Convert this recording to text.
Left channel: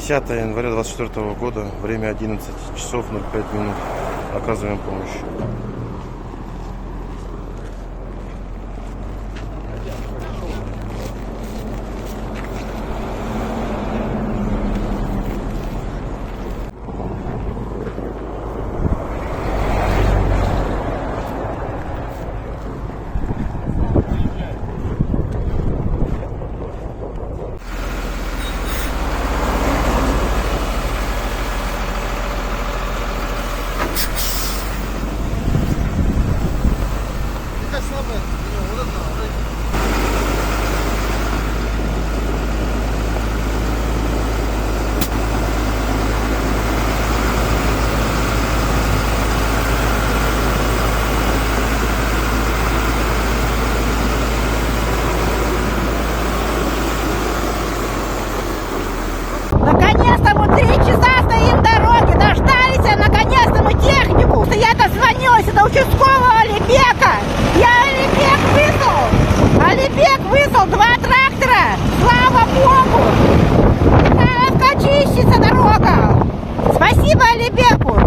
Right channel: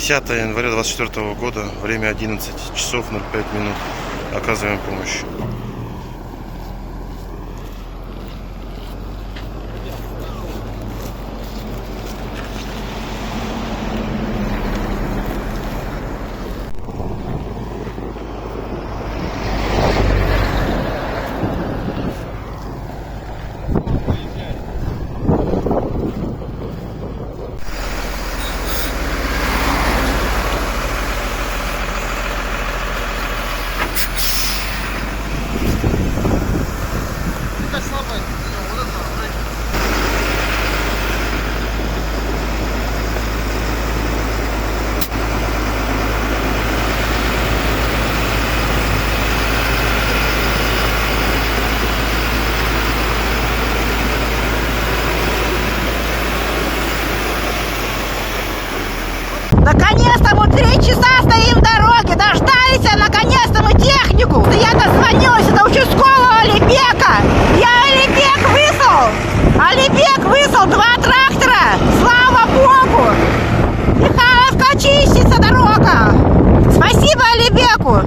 10 января 2024 года, время 11 часов 05 минут. Оказываем помощь. Наконец-то мы 3 часа стоим в дороге, дождались, наконец-то мы технику. Я дозвонилась до участкового Алибека. Я Алибек выслал 2 трактора. Слава Богу. Михайловка чистится дорога. Спасибо Алибеку.